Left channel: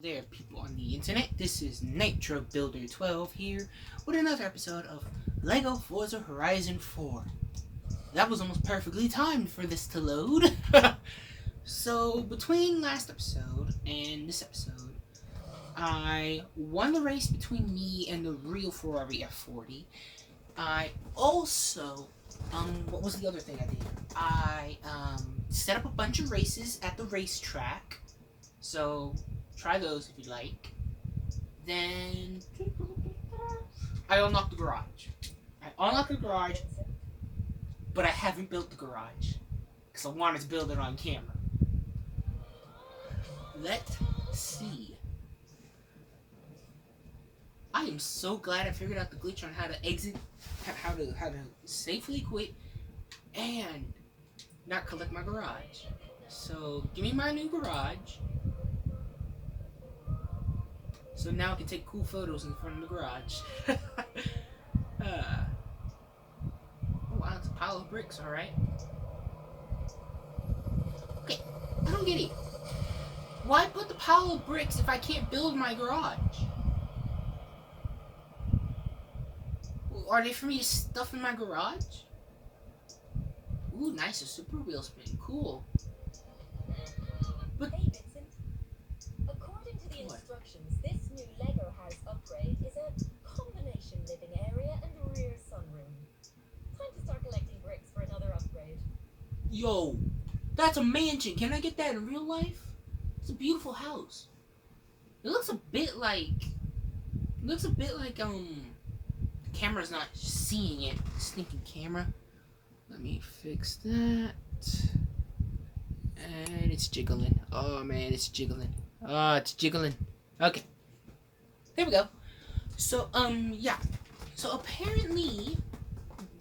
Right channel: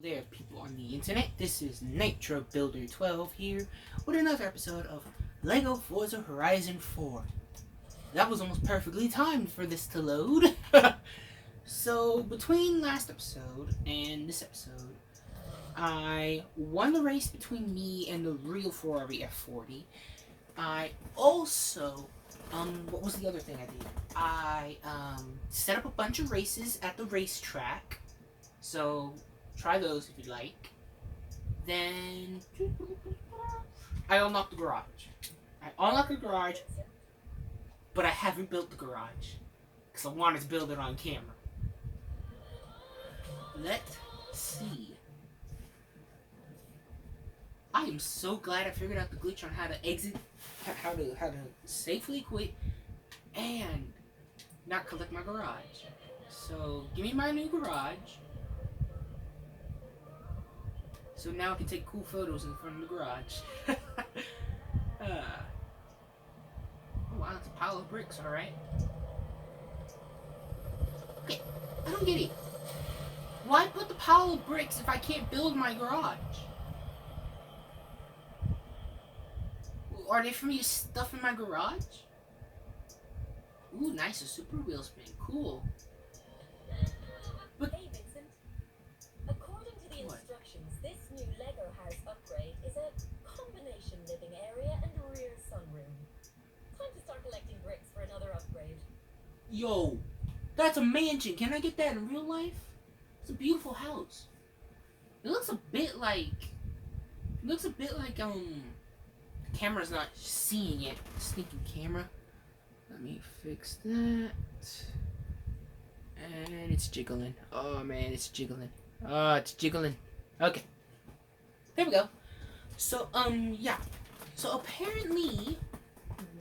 There, people on the internet. This is Nitro Builder 12 here with another episode of Lego Forza Horizon 4. That was almost perfectly timed for this to load. So, between last episode and this episode, I won the race between me and the real Ferrari F40. I also, what was the other thing I did? I, set up a bunch of races at the racetrack. So, try those if you like. Then I unlocked the garage. But I haven't built the garage because I wanted to build it on camera. Let's see. I am so glad I figured out the glitch on how to exit, how to safely quit, and not collect my garage. So give me my new garage. So now I can take cool photos in front of the garage. Oh wow, it's a pile of bricks, alright. Okay, I don't get it. Why put the pile of bricks if I can't build my garage? Are they for me to stuff in my garage? Ooh, nice, a super wheel spin, cool. But hey Vincent, according to the instructions, this new Lego house upgrade is a combination living area and rear sunroom. Time to start collecting bricks for another upgrade. yo, that's a mansion. Can I get that in real life? It's a beautiful house. It looks a bit like, the camera's not seeing it. Stinking camera. Let me fix that. And it's jiggling. Oh man, it's jiggling. Oh, it's jiggling. Okay. There we go. So, yeah. So apparently,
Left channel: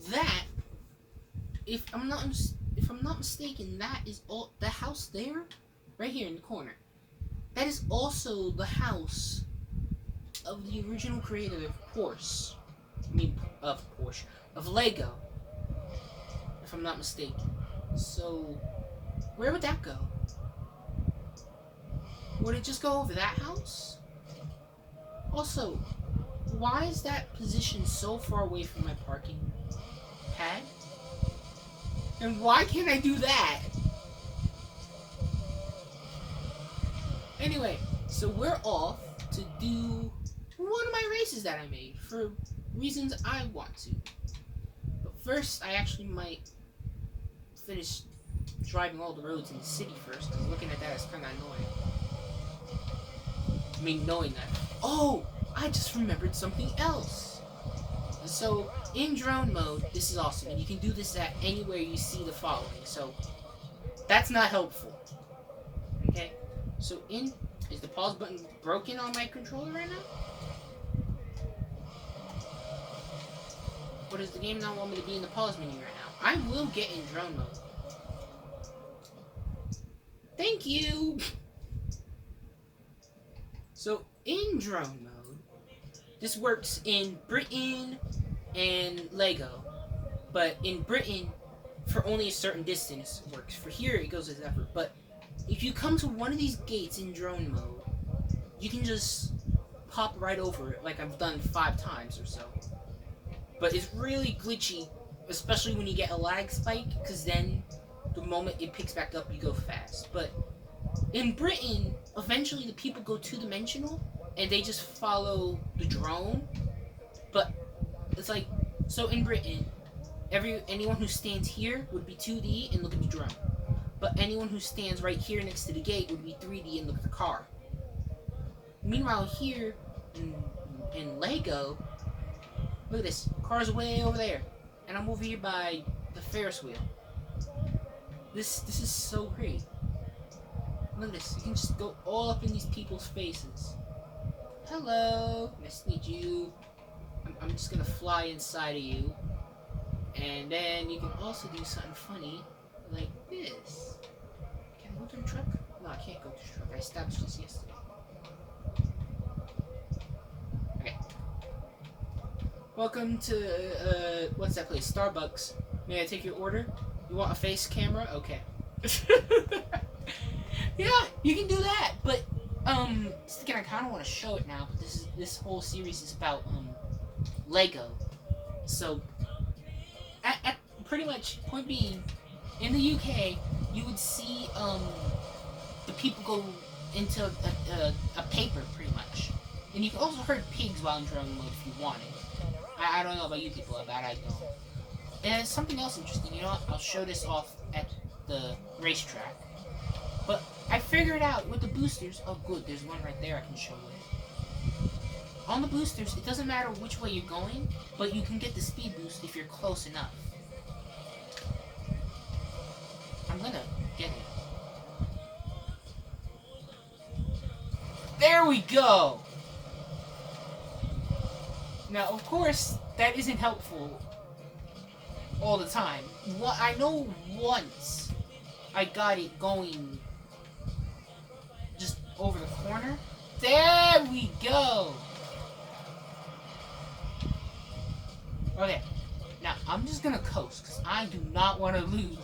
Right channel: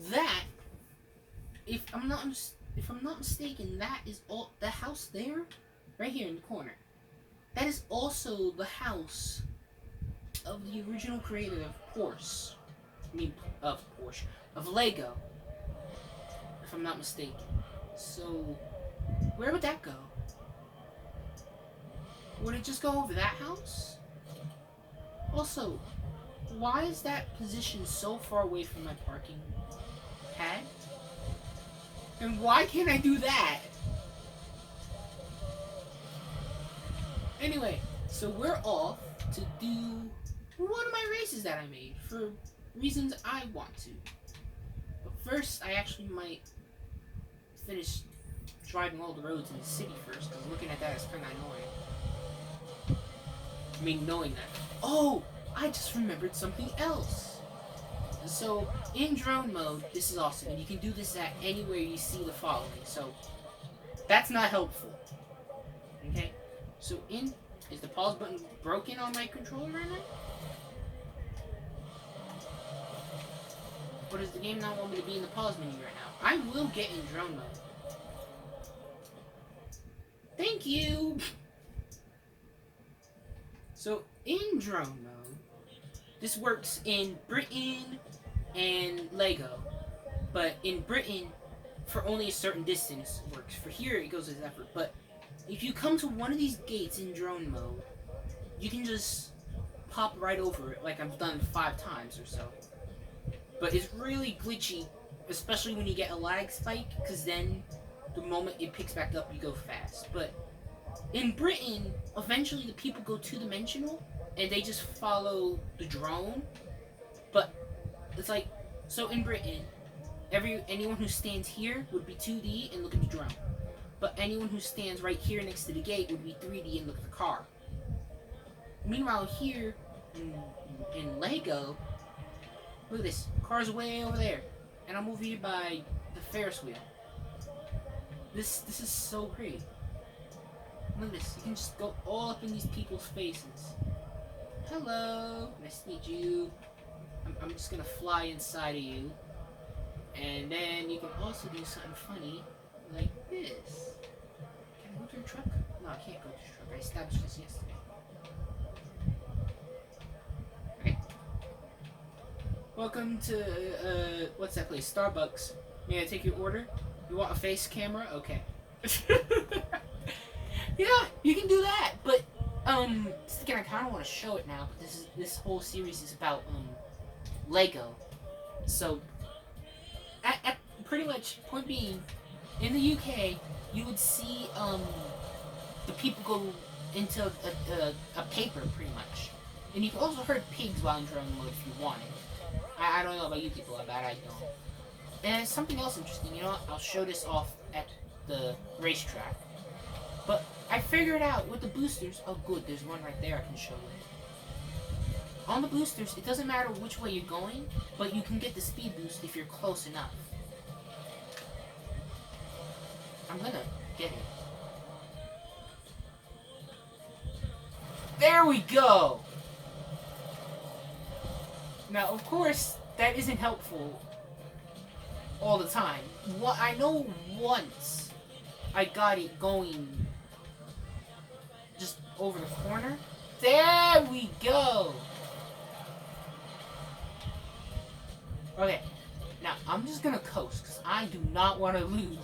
that, if I'm not mistaken, that is all the house there, right here in the corner. That is also the house of the original creator of Porsche. Of Lego. If I'm not mistaken. So, where would that go? Would it just go over that house? Also, why is that position so far away from my parking pad? And why can't I do that? Anyway, so we're off to do one of my races that I made for reasons I want to. But first, I actually might finish driving all the roads in the city first, because looking at that is kind of annoying. I mean, knowing that. Oh, I just remembered something else. So, in drone mode, this is awesome, and you can do this at anywhere you see the following. So, that's not helpful. Okay? So, is the pause button broken on my controller right now? Or does the game not want me to be in the pause menu right now? I will get in drone mode. Thank you! So, in drone mode, this works in Britain and Lego. But in Britain, for only a certain distance, it works. For here, it goes as effort. But if you come to one of these gates in drone mode, you can just pop right over it, like I've done 5 times or so. But it's really glitchy, especially when you get a lag spike, because then the moment it picks back up, you go fast. But in Britain, eventually the people go two-dimensional, and they just follow the drone. But it's like, so in Britain, anyone who stands here would be 2D and look at the drone. But anyone who stands right here next to the gate would be 3D and look at the car. Meanwhile, here in Lego, look at this. Car's way over there, and I'm over here by the Ferris wheel. This is so great. Look at this. You can just go all up in these people's faces. Hello, nice to meet you. I'm just gonna fly inside of you, and then you can also do something funny like this. Can I go to the truck? No, I can't go to the truck. I established this yesterday. Okay. Welcome to, what's that place? Starbucks. May I take your order? You want a face camera? Okay. Yeah, you can do that, but thinking I kind of want to show it now, but this whole series is about Lego. So, at pretty much point being, in the UK, you would see the people go into a paper pretty much, and you can also herd pigs while in drawing mode if you wanted. I don't know about you people, but I don't. And something else interesting, you know what? I'll show this off at the racetrack. But I figured out with the boosters, oh good, there's one right there I can show you. On the boosters, it doesn't matter which way you're going, but you can get the speed boost if you're close enough. I'm gonna get it. There we go! Now, of course, that isn't helpful all the time. I know once I got it going just over the corner. There we go! Okay, now I'm just gonna coast because I do not want to lose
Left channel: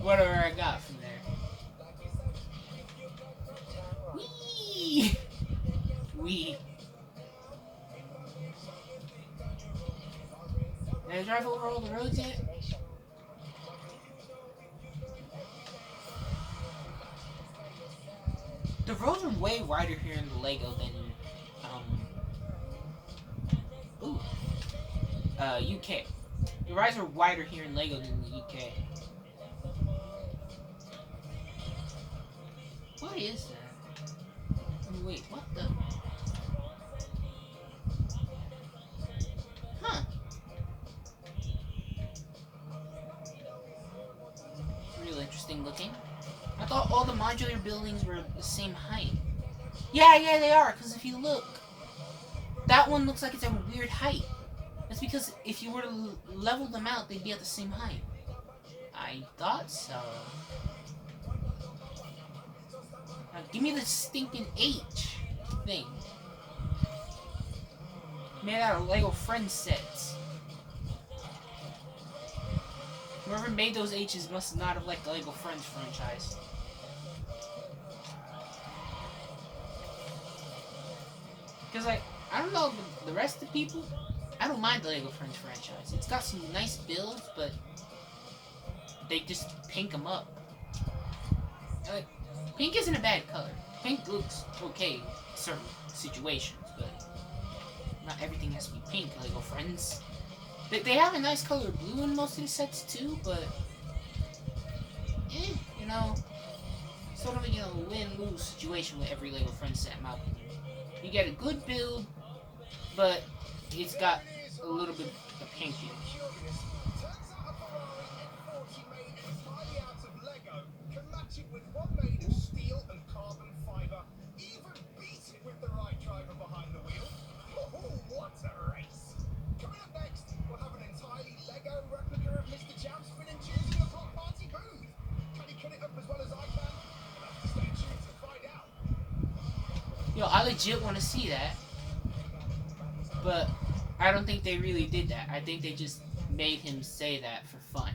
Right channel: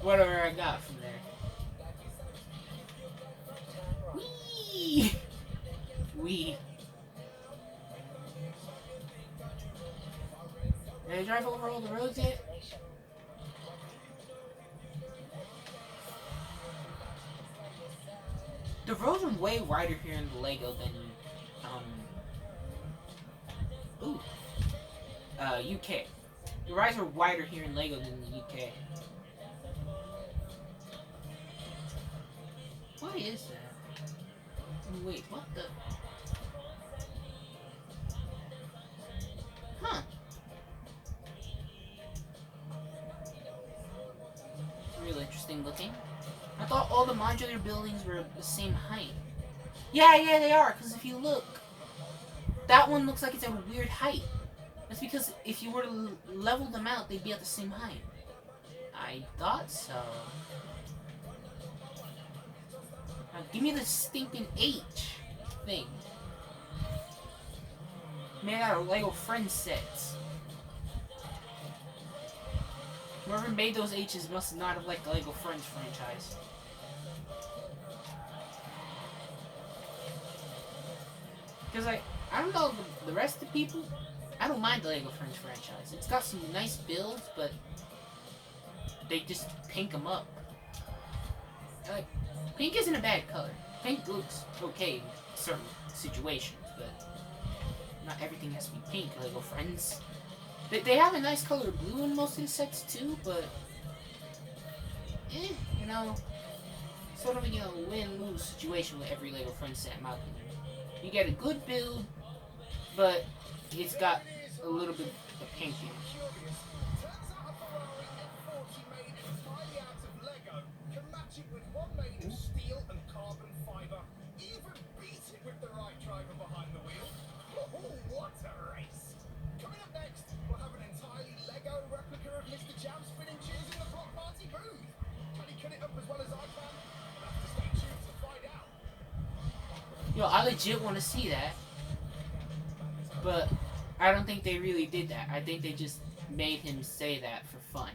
whatever I got from there. Whee! Wee. Did I drive over all the roads yet? The roads are way wider here in the Lego than, UK. The roads are wider here in Lego than the UK. What is that? Wait, what the? Huh. Real interesting looking. I thought all the modular buildings were the same height. Yeah, they are, because if you look, that one looks like it's at a weird height. That's because if you were to level them out, they'd be at the same height. I thought so. Now, give me the stinking H thing. Made out of Lego Friends sets. Whoever made those H's must not have liked the Lego Friends franchise. Because, like, I don't know the rest of the people, I don't mind the Lego Friends franchise. It's got some nice builds, but they just pink them up. And, like, pink isn't a bad color. Pink looks okay in certain situations, but not everything has to be pink, Lego Friends. They have a nice color blue in most of the sets too, but you know, sort of a win-lose situation with every Lego Friends set, in my opinion. You get a good build, but it's got a little bit of pink in it. With one made of steel and carbon fiber, even beat it with the right driver behind the wheel. Oh, what a race! Coming up next, we'll have an entirely Lego replica of Mr. Jam spinning tunes in the block party booth. Can he cut it up as well as I can? I'll have to stay tuned to find out. Yo, I legit want to see that, but I don't think they really did that. I think they just made him say that for fun.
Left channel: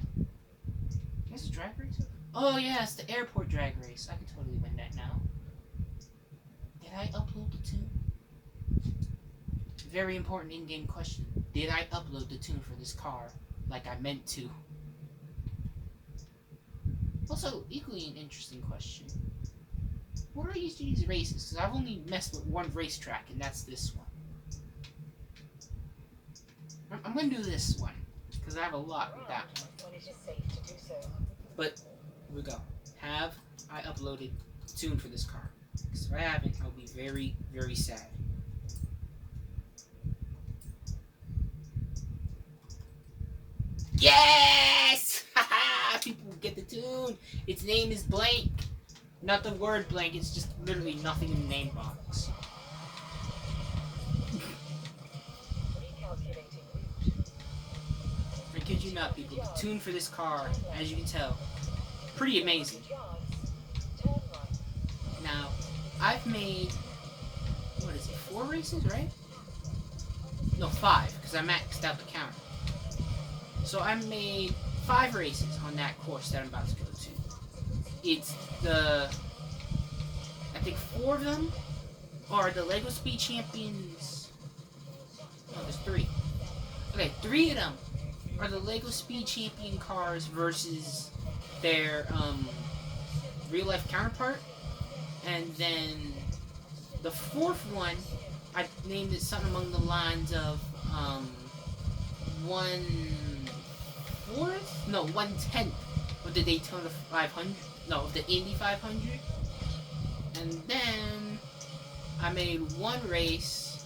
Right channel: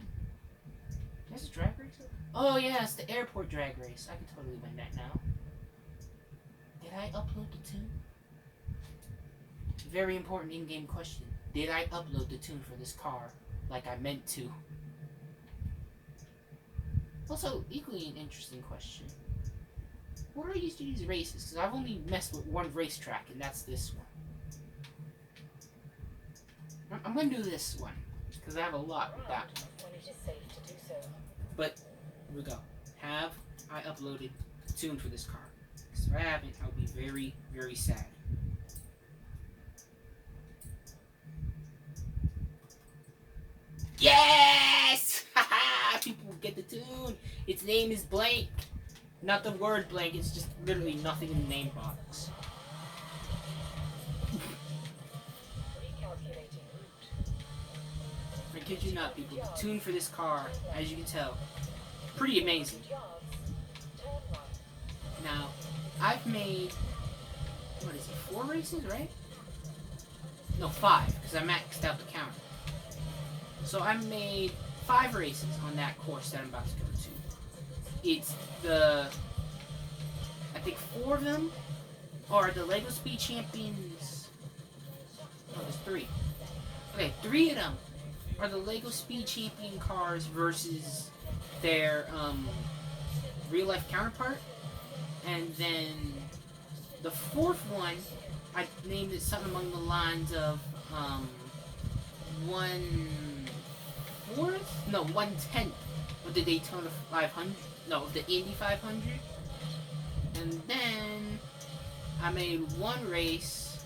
There's a drag race? Oh yeah, it's the airport drag race. I could totally win that now. Did I upload the tune? Very important in-game question. Did I upload the tune for this car like I meant to? Also, equally an interesting question. What are used to these races? Because I've only messed with one racetrack, and that's this one. I'm going to do this one, because I have a lot with that one. When it is safe to do so. But here we go. Have I uploaded the tune for this car? Because if I haven't, I'll be very, very sad. Yes! Haha! People get the tune. Its name is blank. Not the word blank, it's just literally nothing in the name box. I kid you not, people. The tune for this car, as you can tell, pretty amazing. Now, I've made, what is it, 4 races, right? No, 5, because I maxed out the counter. So I made 5 races on that course that I'm about to go to. It's the, I think 4 of them are the Lego Speed Champions. Oh, there's 3. Okay, 3 of them are the Lego Speed Champion cars versus their real life counterpart. And then the 4th one, I named it something along the lines of 1/4? No, 1/10 of the Daytona 500. No, the Indy 500. And then I made one race.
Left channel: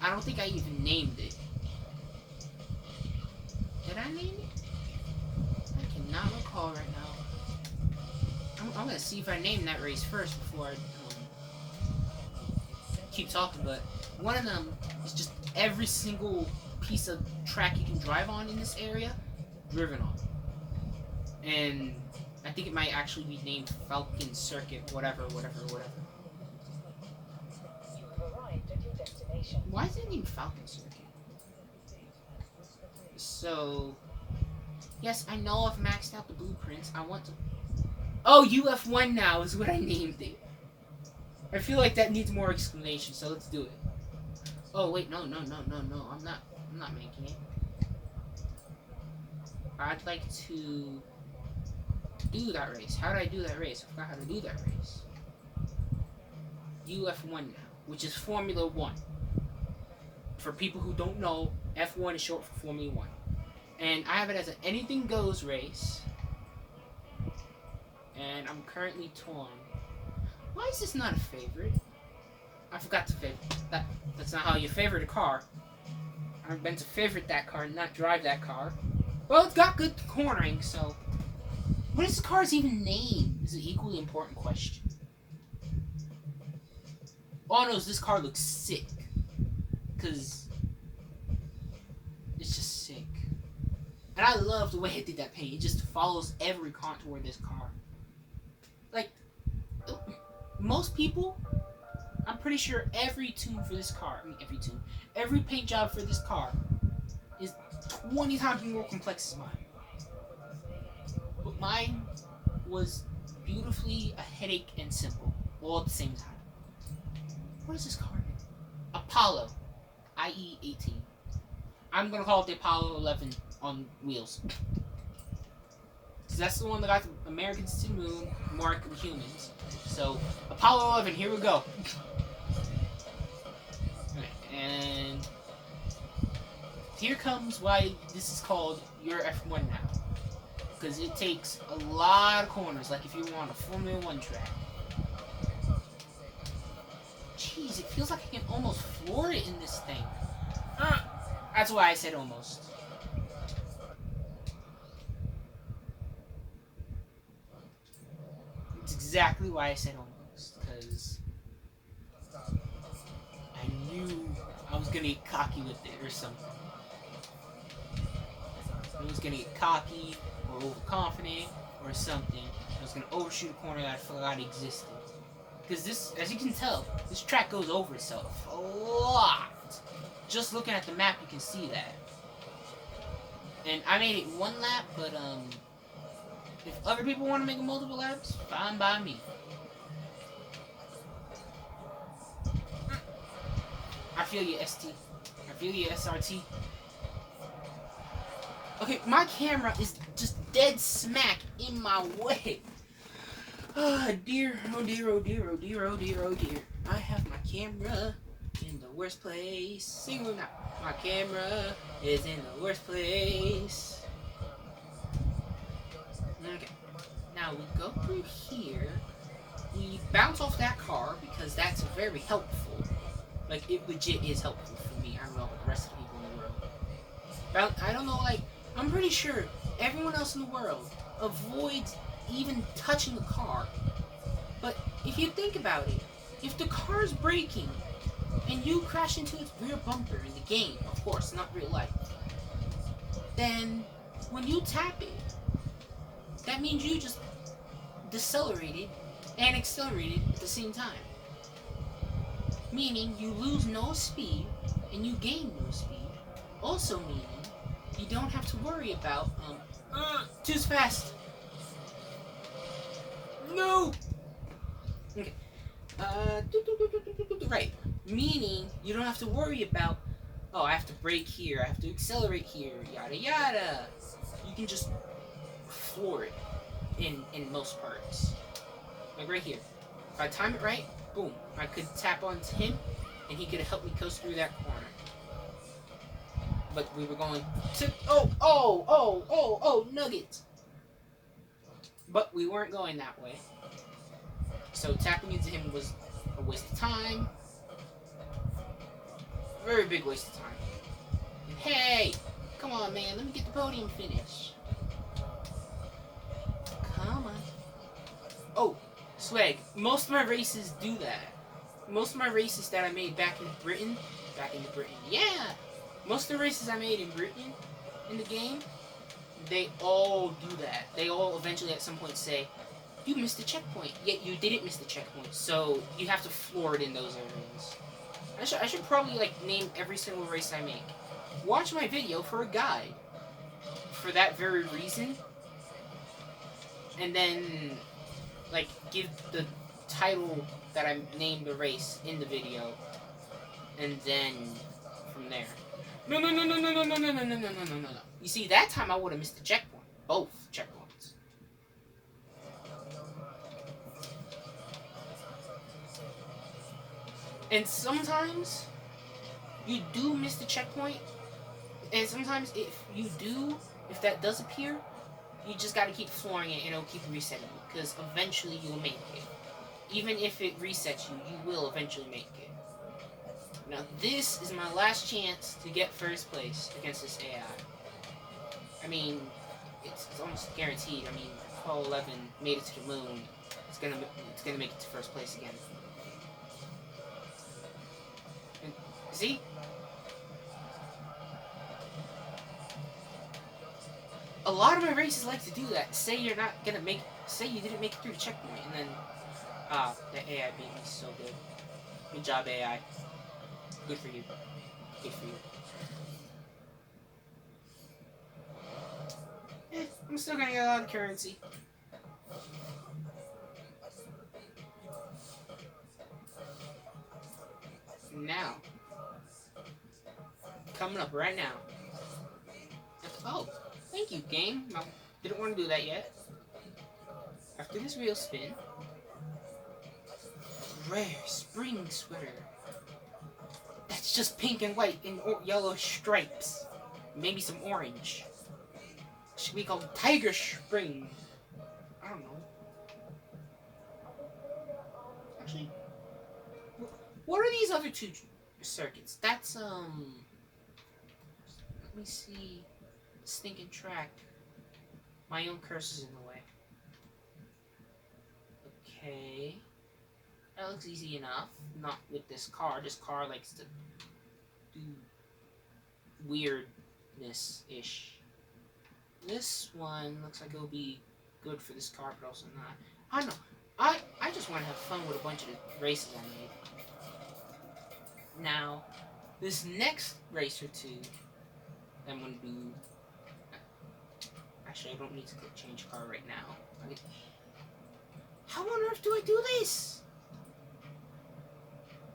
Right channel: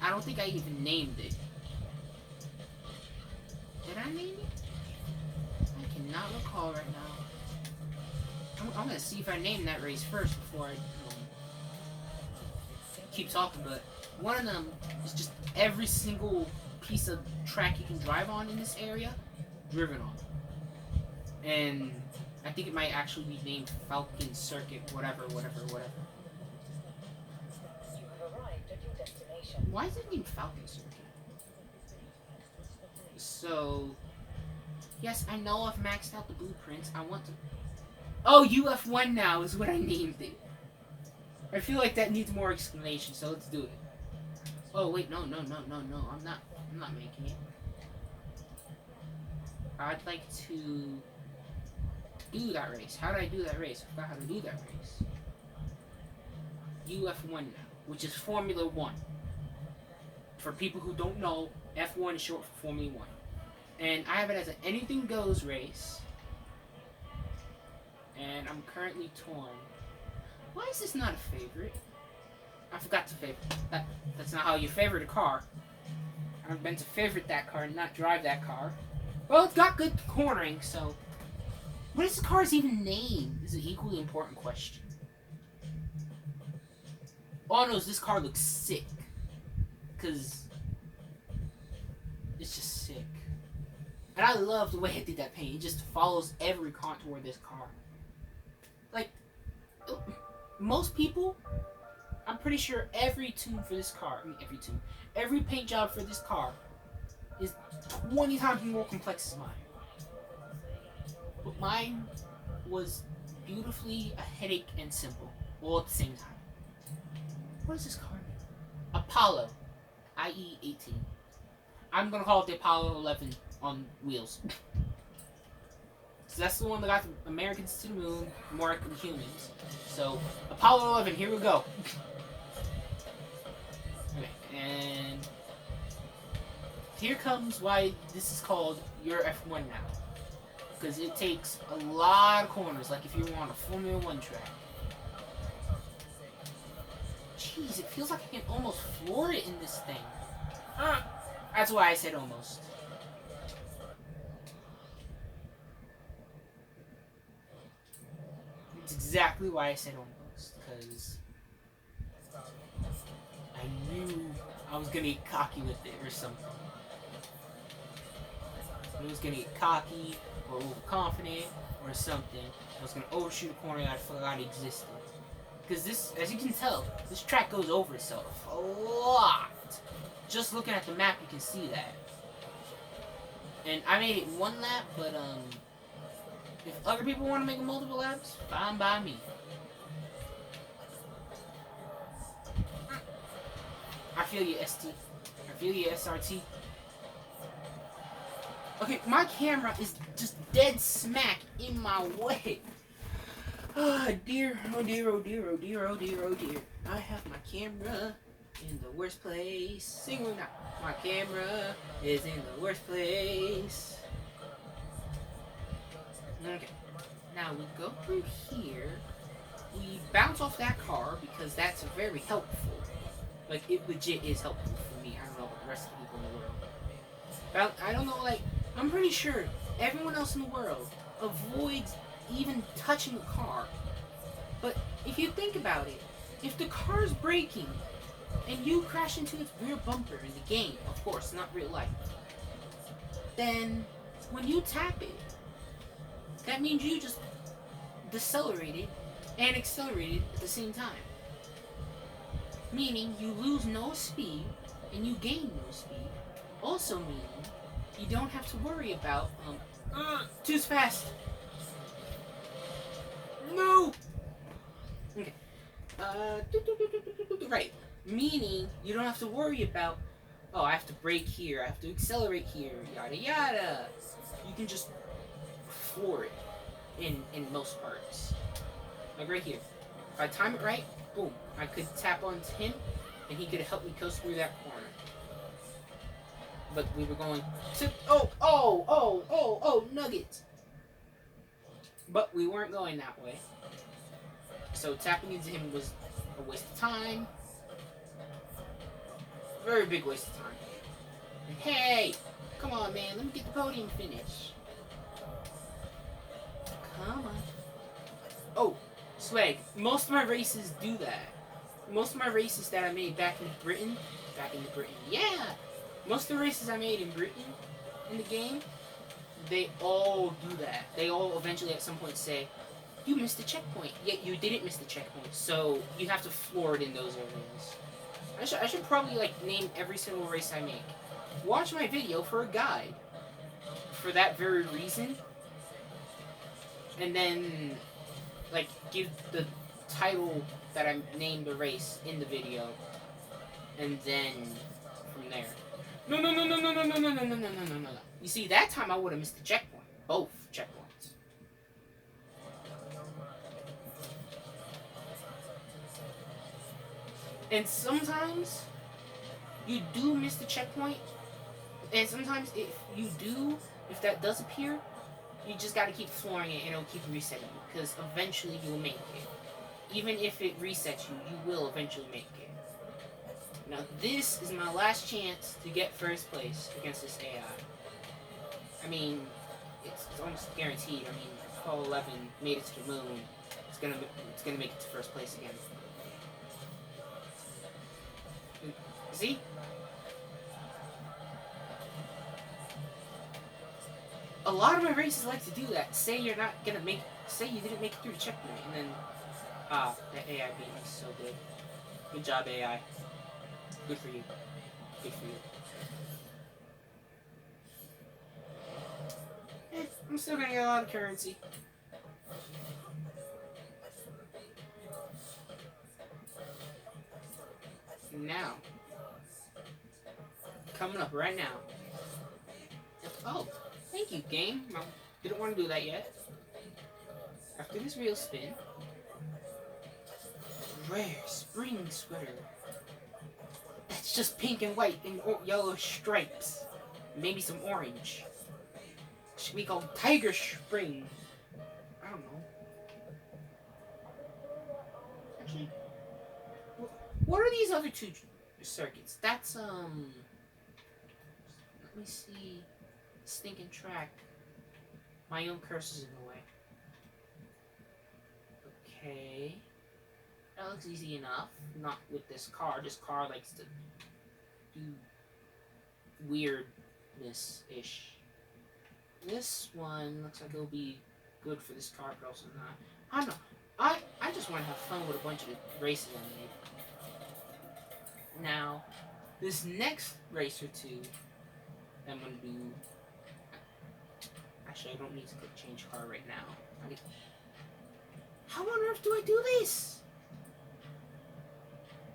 I don't think I even named it. Did I name it? I cannot recall right now. I'm gonna see if I named that race first before I keep talking. But one of them is just every single piece of track you can drive on in this area, driven on. And I think it might actually be named Falcon Circuit, whatever. You have arrived at your destination. Why is it named Falcon Circuit? So, yes, I know I've maxed out the blueprints. I want to... Oh, UF1 now is what I named it. I feel like that needs more explanation, so let's do it. Oh, wait, no. I'm not making it. I'd like to do that race. How do I do that race? I forgot how to do that race. UF1 now, which is Formula 1. For people who don't know, F1 is short for Formula 1. And I have it as an anything goes race. And I'm currently torn. Why is this not a favorite? I forgot to favorite. That's not how you favorite a car. I'm meant to favorite that car and not drive that car. Well, it's got good cornering, so... What is the car's even name? Is an equally important question. All I know is this car looks sick. Because... it's just sick. And I love the way I did that paint. It just follows every contour of this car. Like, most people, I'm pretty sure every tune for this car, every paint job for this car is 20 times more complex as mine. But mine was beautifully a headache and simple, all at the same time. What is this car name? Apollo, IE 18. I'm gonna call it the Apollo 11 on wheels. So that's the one that got the Americans to the moon, more humans. So, Apollo 11, here we go. Okay, and here comes why this is called your F1 now. Because it takes a lot of corners, like if you were on a Formula 1 track. Jeez, it feels like I can almost floor it in this thing. That's why I said almost. It's exactly why I said almost, because I knew I was gonna get cocky with it or something. I was gonna get cocky or overconfident or something. I was gonna overshoot a corner that I forgot existed. Because this, as you can tell, this track goes over itself a lot. Just looking at the map, you can see that. And I made it one lap, but if other people want to make it multiple laps, fine by me. I feel you, ST. I feel you, SRT. Okay, my camera is just dead smack in my way. Oh dear, oh dear, oh dear, oh dear, oh dear, oh dear. I have my camera in the worst place. Sing it out. My camera is in the worst place. Okay. Now we go through here. We bounce off that car because that's very helpful. Like, it legit is helpful for me. I don't know about the rest of the people in the world. But I don't know, like, I'm pretty sure everyone else in the world avoids even touching the car. But if you think about it, if the car is braking and you crash into its rear bumper in the game, of course, not real life, then when you tap it, that means you just decelerated and accelerated at the same time. Meaning you lose no speed and you gain no speed. Also meaning you don't have to worry about too fast. No. Okay. Right. Meaning, you don't have to worry about, oh, I have to brake here, I have to accelerate here, yada yada. You can just floor it in most parts. Like right here. If I time it right, boom, I could tap onto him, and he could help me coast through that corner. But we were going to, nuggets. But we weren't going that way. So tapping into him was a waste of time. Very big waste of time. And hey, come on, man, let me get the podium finish. Come on. Oh, swag. Most of my races do that. Most of my races that I made back in Britain, yeah. Most of the races I made in Britain in the game, they all do that. They all eventually at some point say, you missed the checkpoint, yet you didn't miss the checkpoint, so you have to floor it in those areas. I should probably like name every single race I make. Watch my video for a guide. For that very reason. And then like give the title that I named the race in the video. And then from there. No. You see, that time I would have missed the checkpoint. Both checkpoints. And sometimes you do miss the checkpoint. And sometimes if that does appear, you just gotta keep flooring it and it'll keep resetting you. Because eventually you'll make it. Even if it resets you, you will eventually make it. Now this is my last chance to get first place against this AI. I mean, it's almost guaranteed. I mean, Apollo 11 made it to the moon. It's gonna make it to first place again. And, see? A lot of my races like to do that. Say you didn't make it through the checkpoint, and then the AI beat me so good. Good job, AI. Good for you. Good for you. I'm still gonna get a lot of currency. Now, coming up right now. Oh, thank you, game. I didn't want to do that yet. After this real spin, rare spring sweater. That's just pink and white and yellow stripes. Maybe some orange. Should be called Tiger Spring. I don't know. Actually, what are these other two circuits? That's, let me see. Stinking track. My own cursor's in the way. Okay. That looks easy enough. Not with this car. This car likes to do weirdness-ish. This one looks like it'll be good for this car, but also not. I don't know. I just want to have fun with a bunch of the races I made. Now, this next race or two, I'm going to do... Actually, I don't need to change car right now. How on earth do I do this?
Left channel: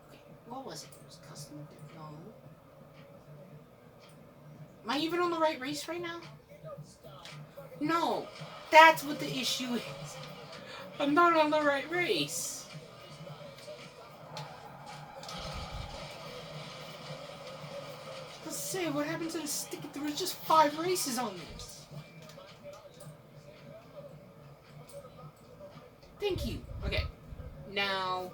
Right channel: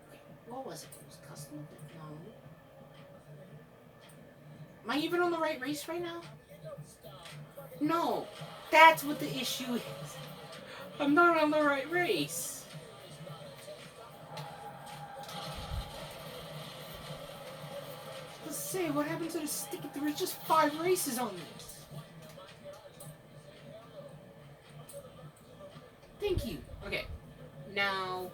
Okay, what was it? It was custom. No. Am I even on the right race right now? No. That's what the issue is. I'm not on the right race. Let's say, what happened to the stick? There was just 5 races on this. Thank you. Okay. Now,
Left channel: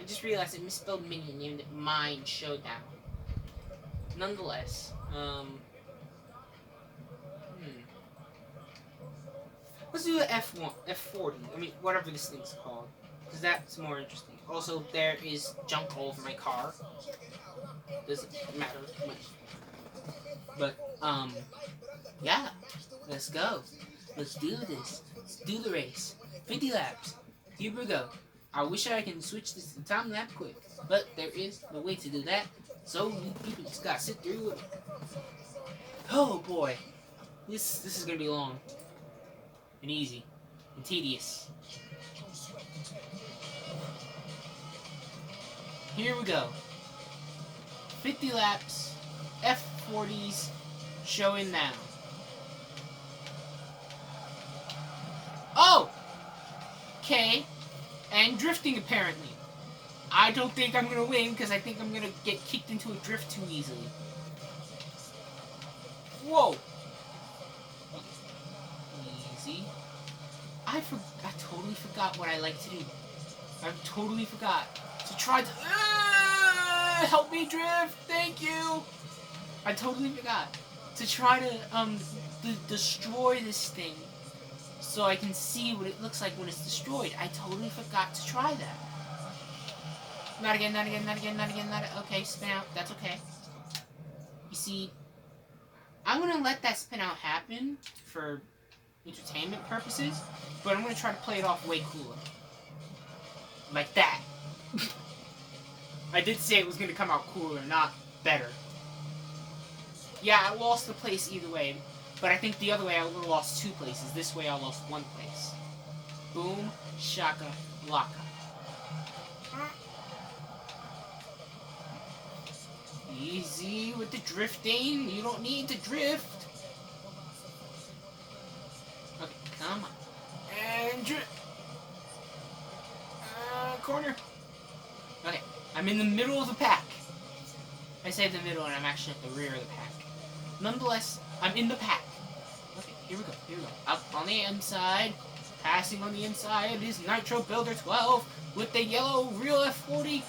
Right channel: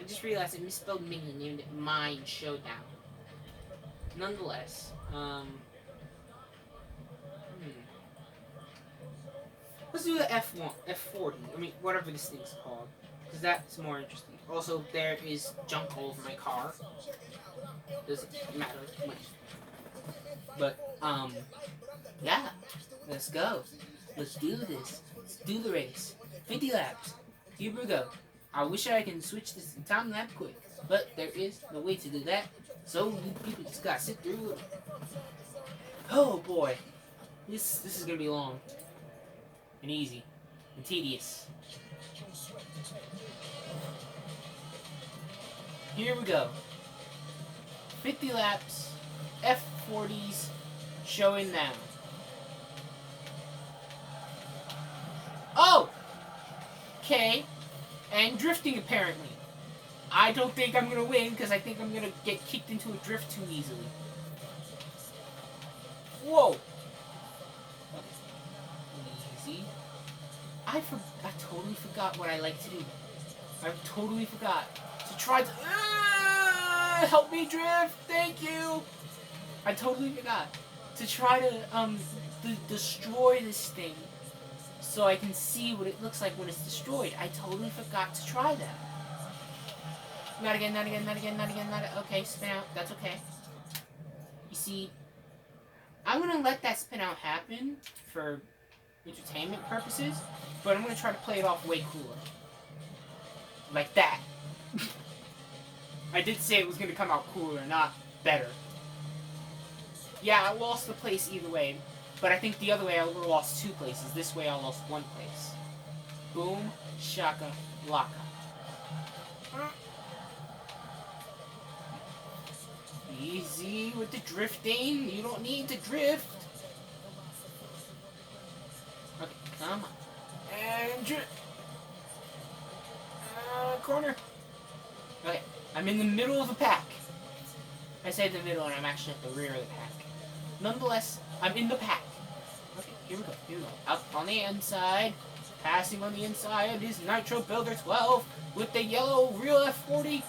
I just realized I misspelled Minion, named it Mine Showdown. Nonetheless, let's do the F1, F40. I mean, whatever this thing's called, because that's more interesting. Also, there is junk all over my car. Doesn't matter much. But, yeah. Let's go. Let's do this. Let's do the race. 50 laps. Here we go. I wish I can switch this to time lap quick, but there is no way to do that. So you people just gotta sit through it. Oh boy, this is gonna be long and easy and tedious. Here we go. 50 laps, F40s, showing now. Oh! Okay. And drifting, apparently. I don't think I'm gonna win, because I think I'm gonna get kicked into a drift too easily. Whoa! Easy. I totally forgot what I like to do. I totally forgot to try to... help me drift! Thank you! I totally forgot to try to, destroy this thing so I can see what it looks like when it's destroyed. I totally forgot to try that. Not again, not again, not again, not again, not again. Okay, spin out. That's okay. You see, I'm gonna let that spin out happen for entertainment purposes, but I'm gonna try to play it off way cooler. Like that. I did say it was gonna come out cooler, not better. Yeah, I lost the place either way, but I think the other way I would have lost 2 places. This way I lost 1 place. Boom, shaka, laka. Easy with the drifting. You don't need to drift. Okay, come on. And drift. Corner. Okay, I'm in the middle of the pack. I said the middle and I'm actually at the rear of the pack. Nonetheless, I'm in the pack. Okay, here we go, here we go. Up on the inside. Passing on the inside is Nitro Builder 12 with the yellow real F40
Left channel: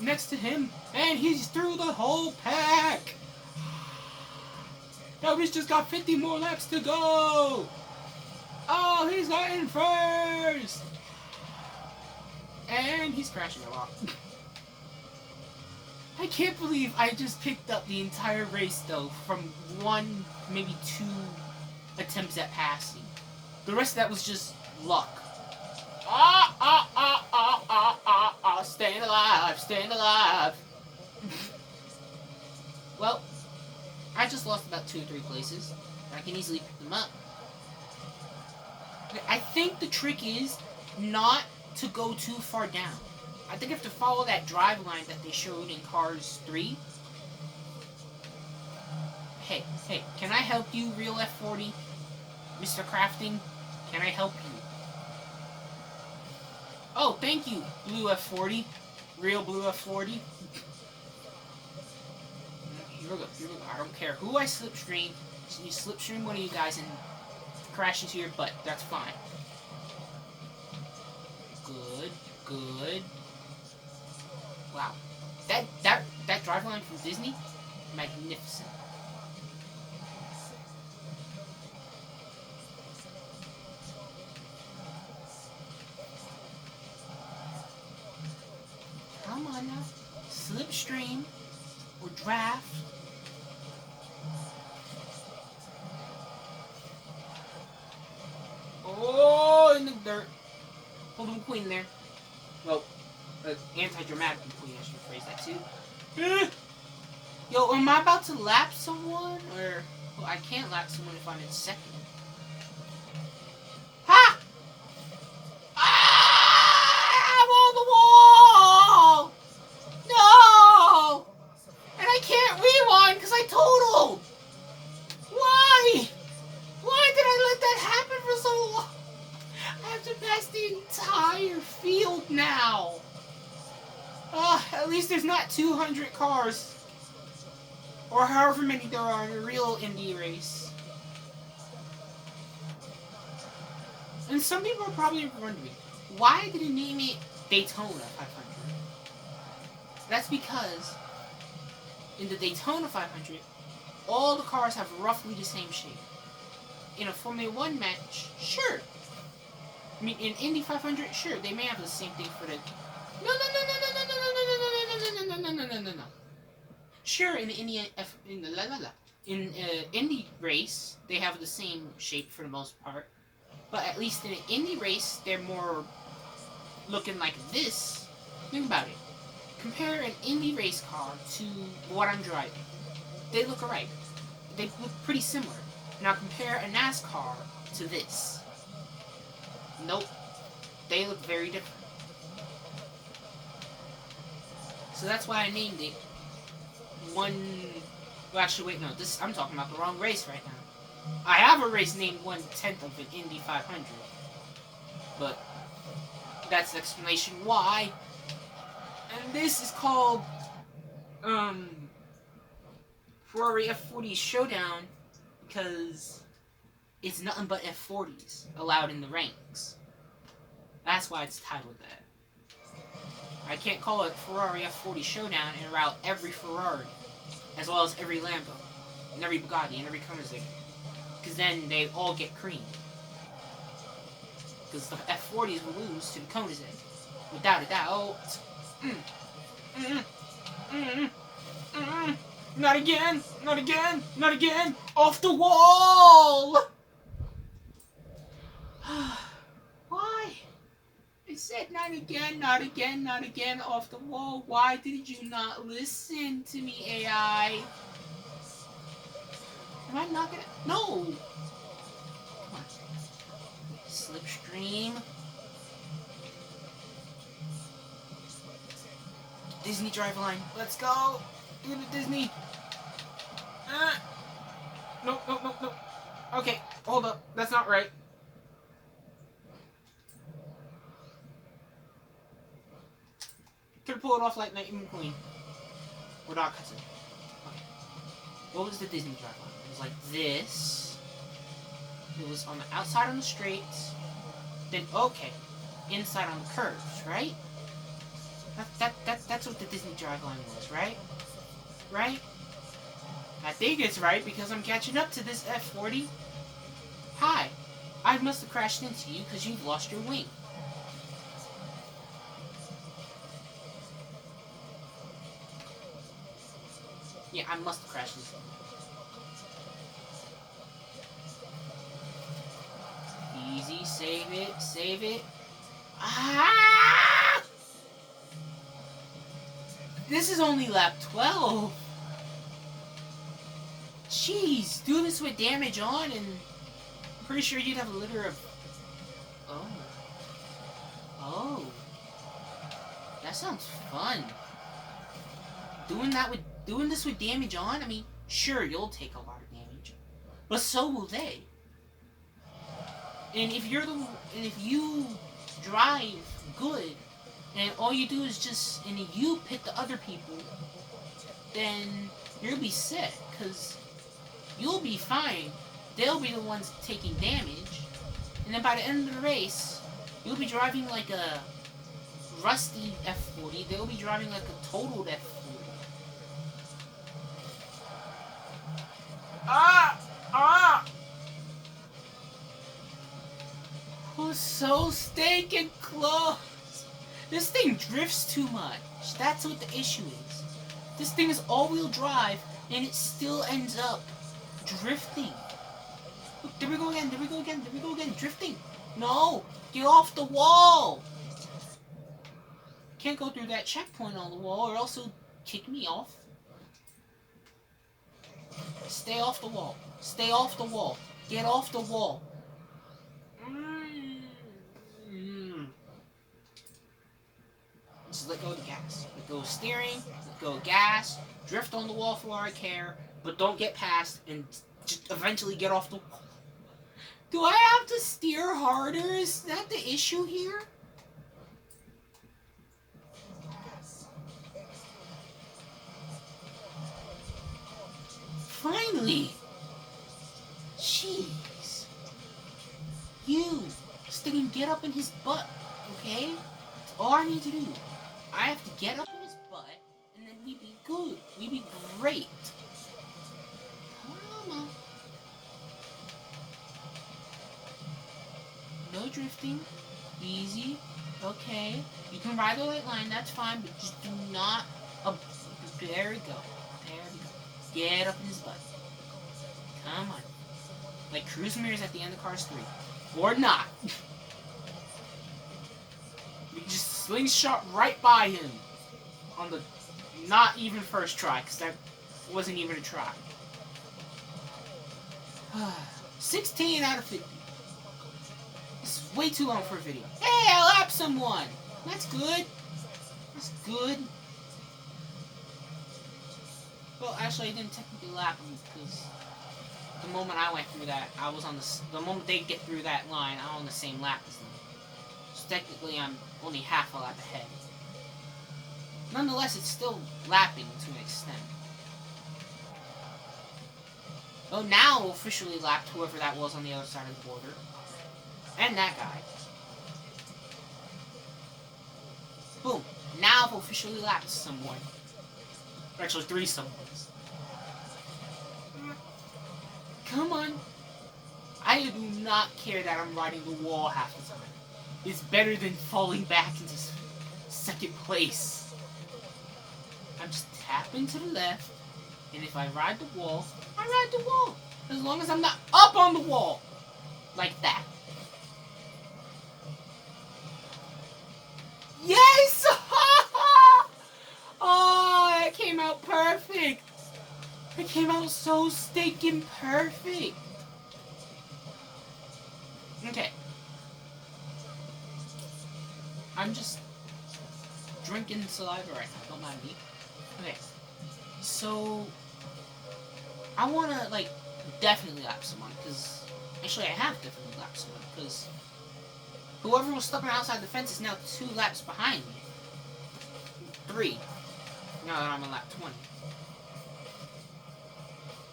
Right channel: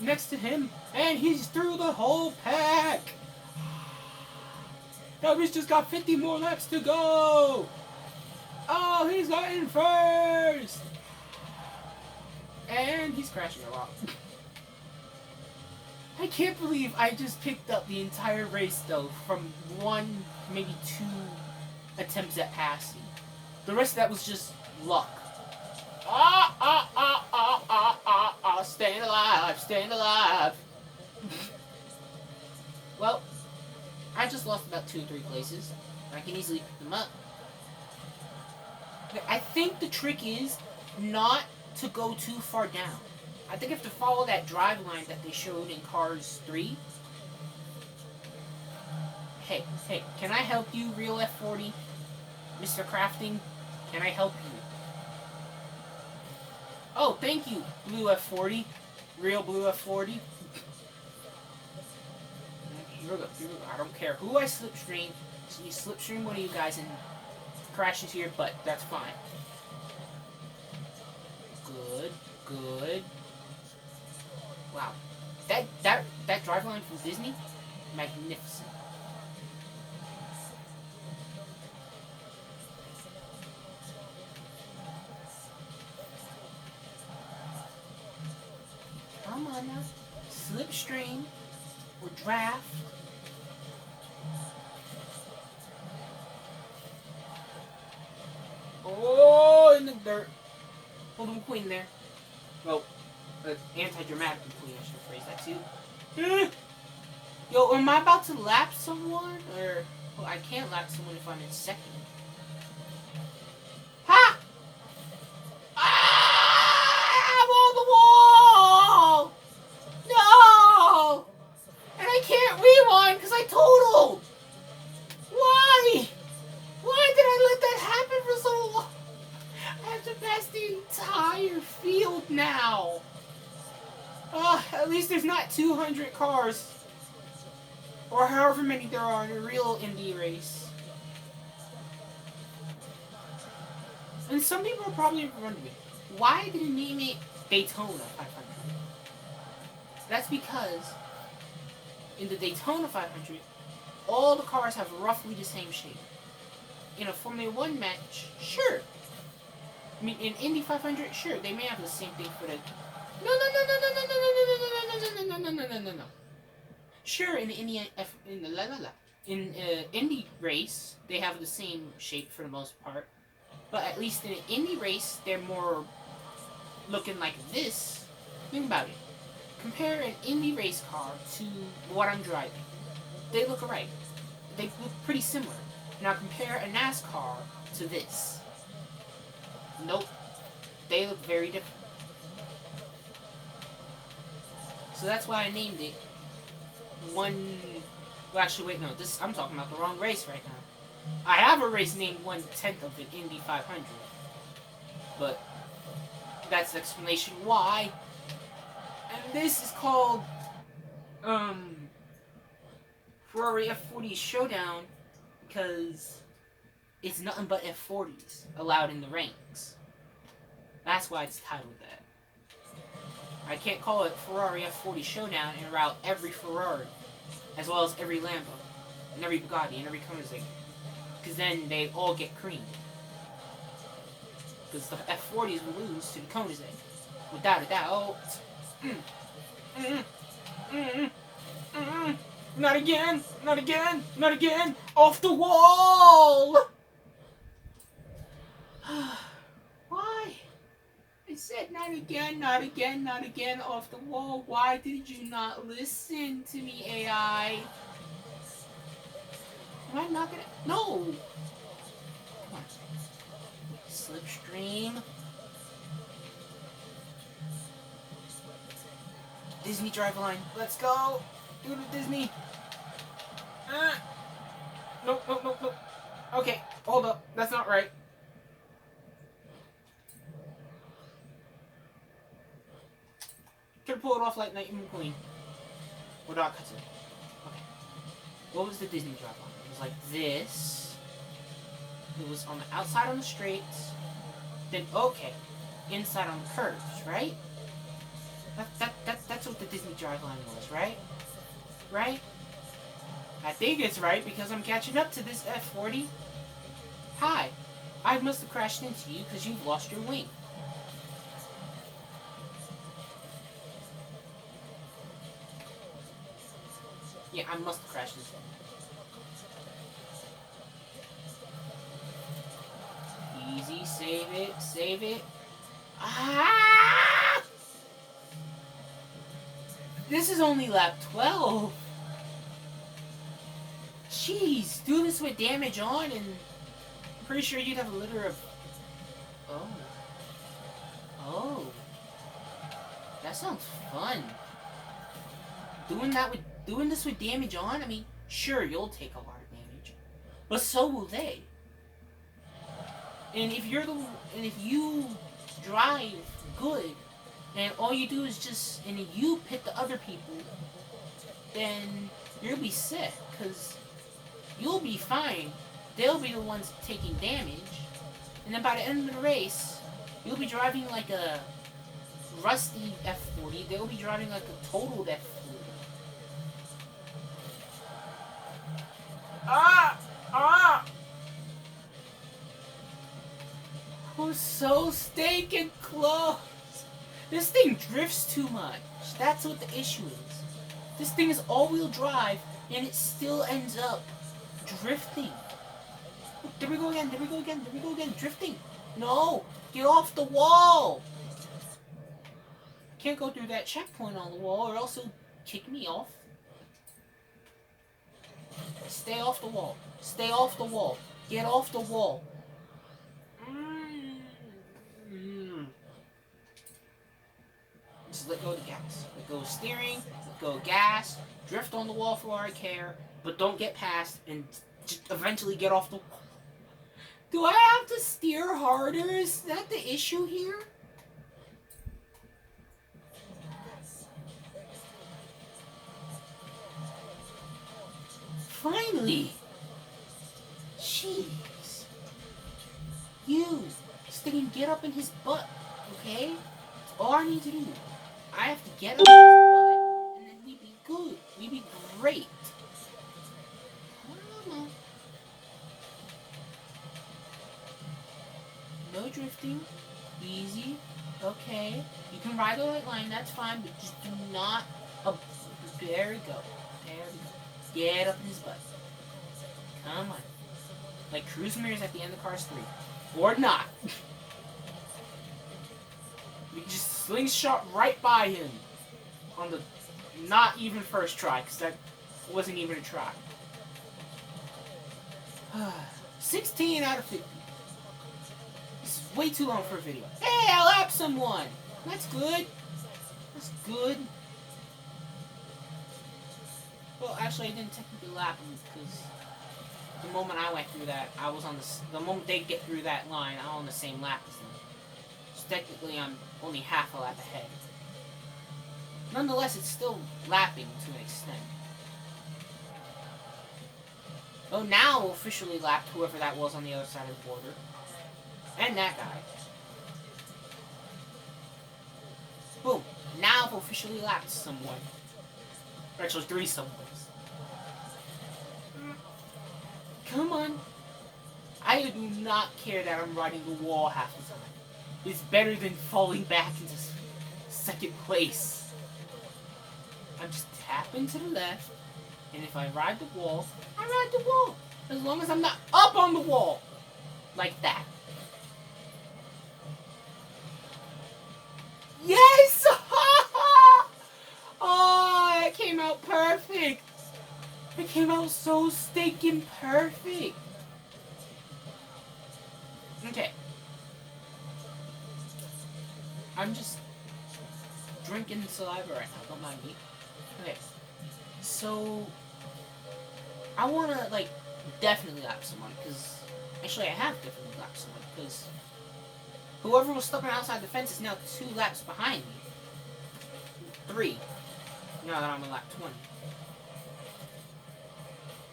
next to him. And he's through the whole pack. Avery's just got 50 more laps to go. Oh, he's got in first. And he's crashing a lot. I can't believe I just picked up the entire race, though, from 1, maybe 2 attempts at passing. The rest of that was just luck. Staying alive, staying alive. Well, I just lost about 2 or 3 places. I can easily pick them up. I think the trick is not to go too far down. I think I have to follow that drive line that they showed in Cars 3. Hey, can I help you, real F40? Mr. Crafting, can I help you? Oh, thank you, blue F40. Real blue F40. Here we go, here we go. I don't care who I slipstream. So you slipstream one of you guys and crash into your butt. That's fine. Good, good. Wow. That driveline from Disney? Magnificent. Come on now. Slipstream or draft. Oh, in the dirt. Hold on, queen there. Well, anti-dramatic queen, I should phrase that too. Yo, am I about to lap someone? Or, well, I can't lap someone if I'm in second. Ha! Ah! I'm on the wall! No! And I can't rewind because I totaled! Why? Why did I let that happen for so long? I have to pass the entire field now. At least there's not 200 cars. Or however many there are in a real Indy race. And some people are probably wondering, why did it name it Daytona 500? That's because in the Daytona 500, all the cars have roughly the same shape. In a Formula 1 match, sure. I mean, in Indy 500, sure, they may have the same thing for the... No. Sure, in the Indy race, they have the same shape for the most part. But at least in an Indy race, they're more looking like this. Think about it. Compare an Indy race car to what I'm driving. They look alright. They look pretty similar. Now compare a NASCAR to this. Nope. They look very different. So that's why I named it one... Well, actually, wait, no. I'm talking about the wrong race right now. I have a race named 1/10 of an Indy 500. But that's the explanation why. And this is called Ferrari F40 Showdown because it's nothing but F40s allowed in the ranks. That's why it's titled that. I can't call it Ferrari F40 Showdown and route every Ferrari, as well as every Lambo, and every Bugatti, and every Koenigsegg, because then they all get creamed. Because the F40s will lose to the Koenigsegg, without a doubt. Not again! Not again! Not again! Off the wall! Why? I said not again, not again, not again, off the wall. Why did you not listen to me, AI? Am I not gonna... No! Come on. Slipstream. Disney Driveline. Let's go! Give it Disney! Nope, nope, nope, nope. Okay, hold up. That's not right. Could pull it off like Lightning McQueen. Or Doc Hudson. Okay. What was the Disney Driveline? It was like this. It was on the outside on the straights. Then, okay. Inside on the curves, right? That's what the Disney Driveline was, right? Right? I think it's right because I'm catching up to this F40. Hi. I must have crashed into you because you've lost your wing. Yeah, I must have crashed into you. Easy, save it, save it. Ah! This is only lap 12. Jeez, do this with damage on and I'm pretty sure you'd have a litter of... Oh. Oh. That sounds fun. Doing this with damage on, I mean, sure, you'll take a lot of damage. But so will they. And if you drive good, and all you do is just, and you pick the other people, then you'll be sick, because you'll be fine. They'll be the ones taking damage. And then by the end of the race, you'll be driving like a rusty F40. They'll be driving like a totaled F40. Ah! Ah! Who's so stinking close? This thing drifts too much. That's what the issue is. This thing is all-wheel drive, and it still ends up drifting. Look, there we go again, there we go again, there we go again, drifting. No! Get off the wall! Can't go through that checkpoint on the wall, or else it'll kick me off. Stay off the wall. Stay off the wall. Get off the wall. Just let go of the gas. Let go of steering. Let go of gas. Drift on the wall for all I care. But don't get past and just eventually get off the wall. Do I have to steer harder? Is that the issue here? Finally! Jeez. You, sticking get up in his butt, okay? That's all I need to do. I have to get up in his butt, and then we'd be good. We'd be great. Come on. No drifting. Easy. Okay. You can ride the white line, that's fine, but just do not... there we go. There we go. Get up in his butt. Come on. Like cruise mirrors at the end of Cars 3. Or not. You just slingshot right by him. On the not even first try, because that wasn't even a try. 16 out of 50. This is way too long for a video. Hey, I lapped someone! That's good. That's good. Well, actually, I didn't technically lap them because the moment I went through that, I was on the moment they get through that line, I'm on the same lap as them. So technically, I'm only half a lap ahead. Nonetheless, it's still lapping to an extent. Oh, now officially lapped whoever that was on the other side of the border. And that guy. Boom. Now I've officially lapped someone. Or actually, 3 someones. Come on. I do not care that I'm riding the wall half the time. It's better than falling back into second place. I'm just tapping to the left, and if I ride the wall, I ride the wall. As long as I'm not up on the wall. Like that. Yes! Oh, it came out perfect. It came out so stinking perfect. Okay. I'm just drinking saliva right now. Don't mind me. Okay. So, I want to, like, definitely lap someone. Because, actually, I have definitely lapped someone. Because whoever was stuck on outside the fence is now 2 laps behind me. 3. Now that I'm on lap 20.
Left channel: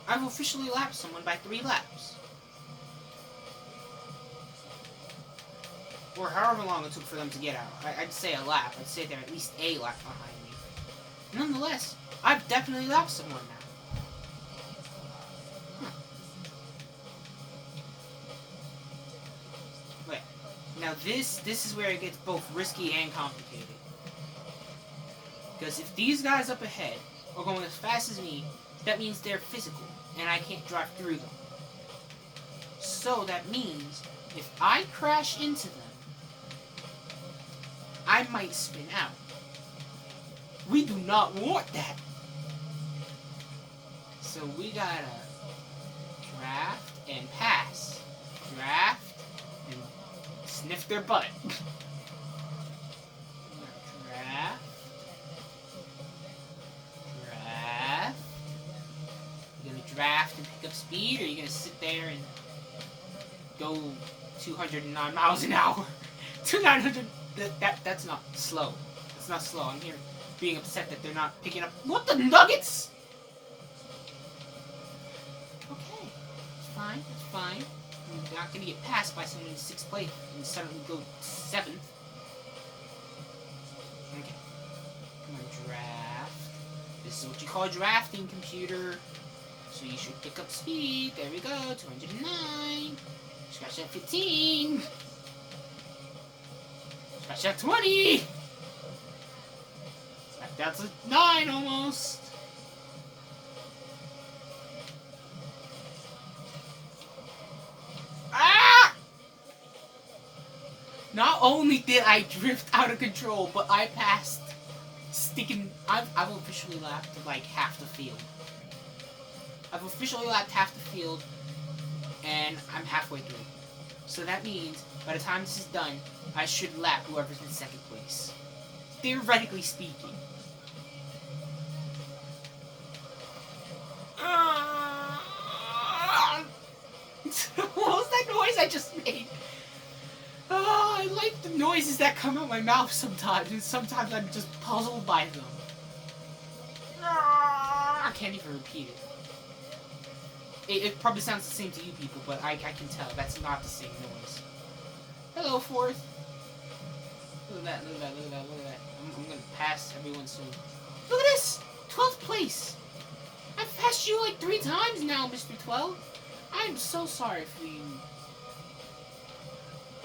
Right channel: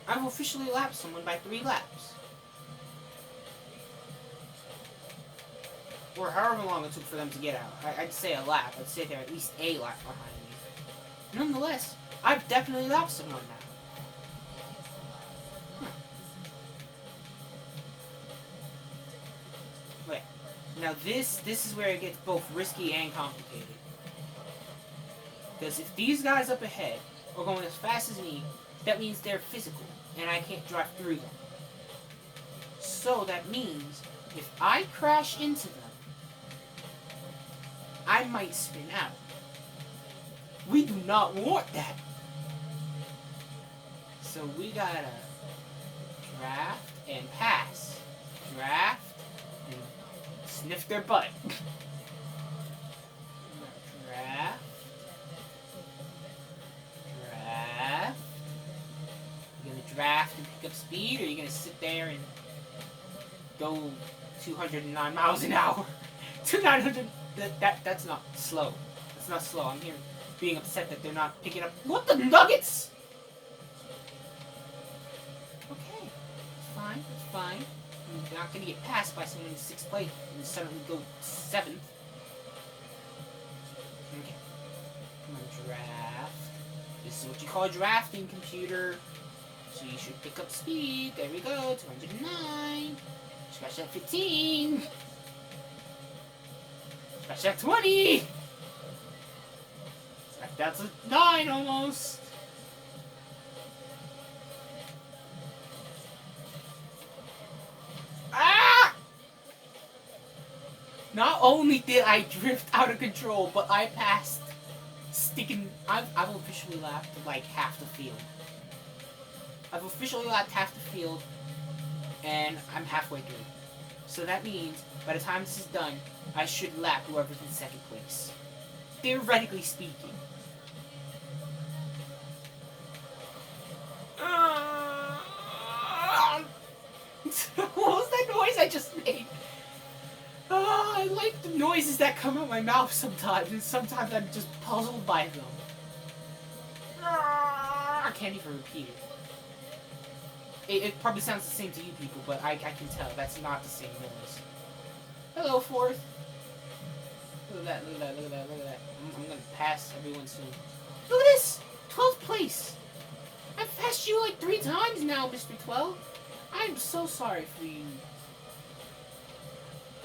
I've officially lapped someone by 3 laps. Or however long it took for them to get out. I'd say a lap. I'd say they're at least a lap behind me. Nonetheless, I've definitely lapped someone now. Huh. Wait. Now this is where it gets both risky and complicated. Because if these guys up ahead are going as fast as me, that means they're physical, and I can't drive through them. So that means, if I crash into them, I might spin out. We do not want that. So we gotta draft and pass. Draft and sniff their butt. Draft. Draft. You're gonna draft and pick up speed, or you're gonna sit there and go 209 miles an hour? 900. That's not slow. That's not slow. I'm here being upset that they're not picking up. What the nuggets? Okay, it's fine. It's fine. You're not gonna get passed by someone in 6th place and suddenly go 7th. Okay. I'm gonna draft. This is what you call drafting, computer. So you should pick up speed. There we go. 209. Scratch that 15. Scratch that 20. That's a 9 almost. Ah! Not only did I drift out of control, but I passed sticking. I've officially lapped like half the field. I've officially lapped half the field, and I'm halfway through. So that means by the time this is done, I should lap whoever's in 2nd place. Theoretically speaking. What was that noise I just made? Oh, I like the noises that come out of my mouth sometimes, and sometimes I'm just puzzled by them. I can't even repeat it. It probably sounds the same to you people, but I can tell that's not the same noise. Hello, 4th. Look at that, look at that, look at that, look at that. I'm gonna pass everyone soon. Look at this! 12th place! I've passed you like 3 times now, Mr. 12. I'm so sorry for you.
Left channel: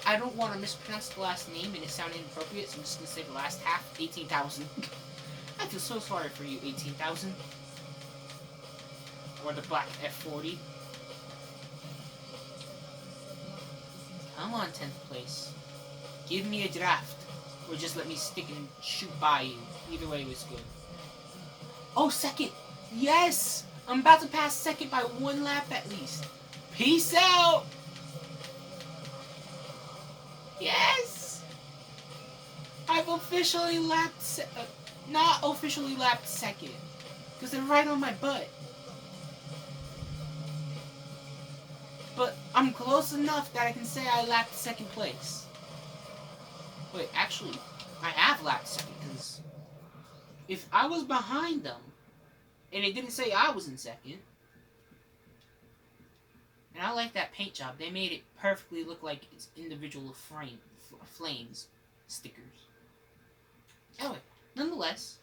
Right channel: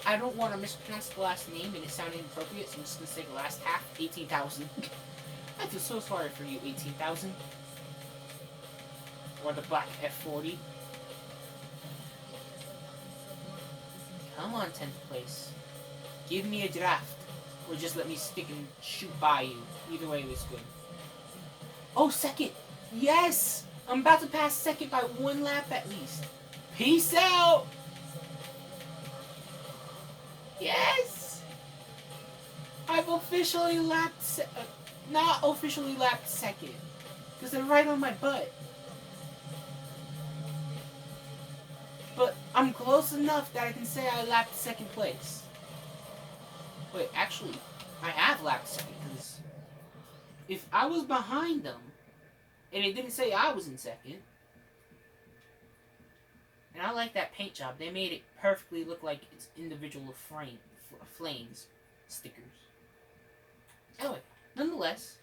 I don't want to mispronounce the last name and it sounded inappropriate, so I'm just gonna say the last half, 18,000. I feel so sorry for you, 18,000. Or the black F40. Come on, 10th place. Give me a draft. Or just let me stick and shoot by you. Either way was good. Oh, 2nd! Yes! I'm about to pass 2nd by 1 lap at least. Peace out! Yes! I've officially lapped... not officially lapped 2nd. Because they're right on my butt. But I'm close enough that I can say I lapped second place. Wait, actually, I have lapped second, because if I was behind them, and it didn't say I was in second, and I like that paint job. They made it perfectly look like it's individual flames stickers. Anyway, nonetheless,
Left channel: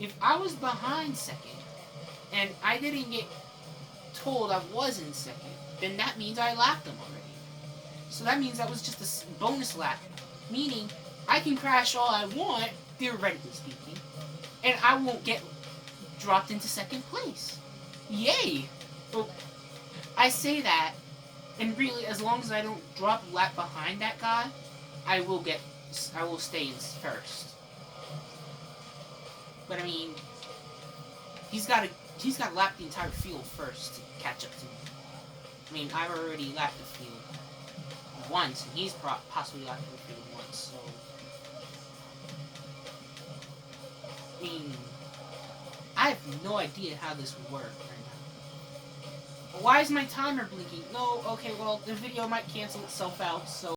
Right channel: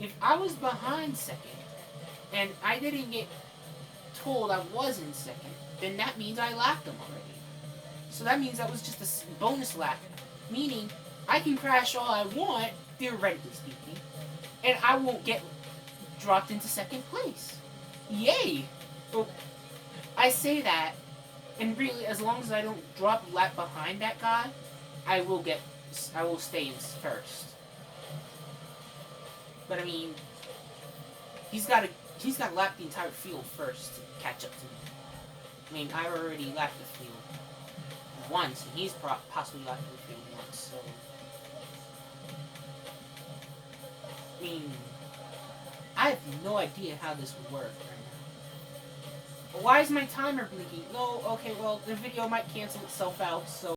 if I was behind second, and I didn't get told I was in second, then that means I lapped them already. So that means that was just a bonus lap, meaning I can crash all I want, theoretically speaking, and I won't get dropped into second place. Yay! Well, I say that, and really, as long as I don't drop a lap behind that guy, I will stay in first. But I mean, he's got to lap the entire field first to catch up to me. I mean, I've already lapped the field once, and he's possibly lapped the field once, so... I mean, I have no idea how this would work right now. Why is my timer blinking? No, okay, well, the video might cancel itself out, so...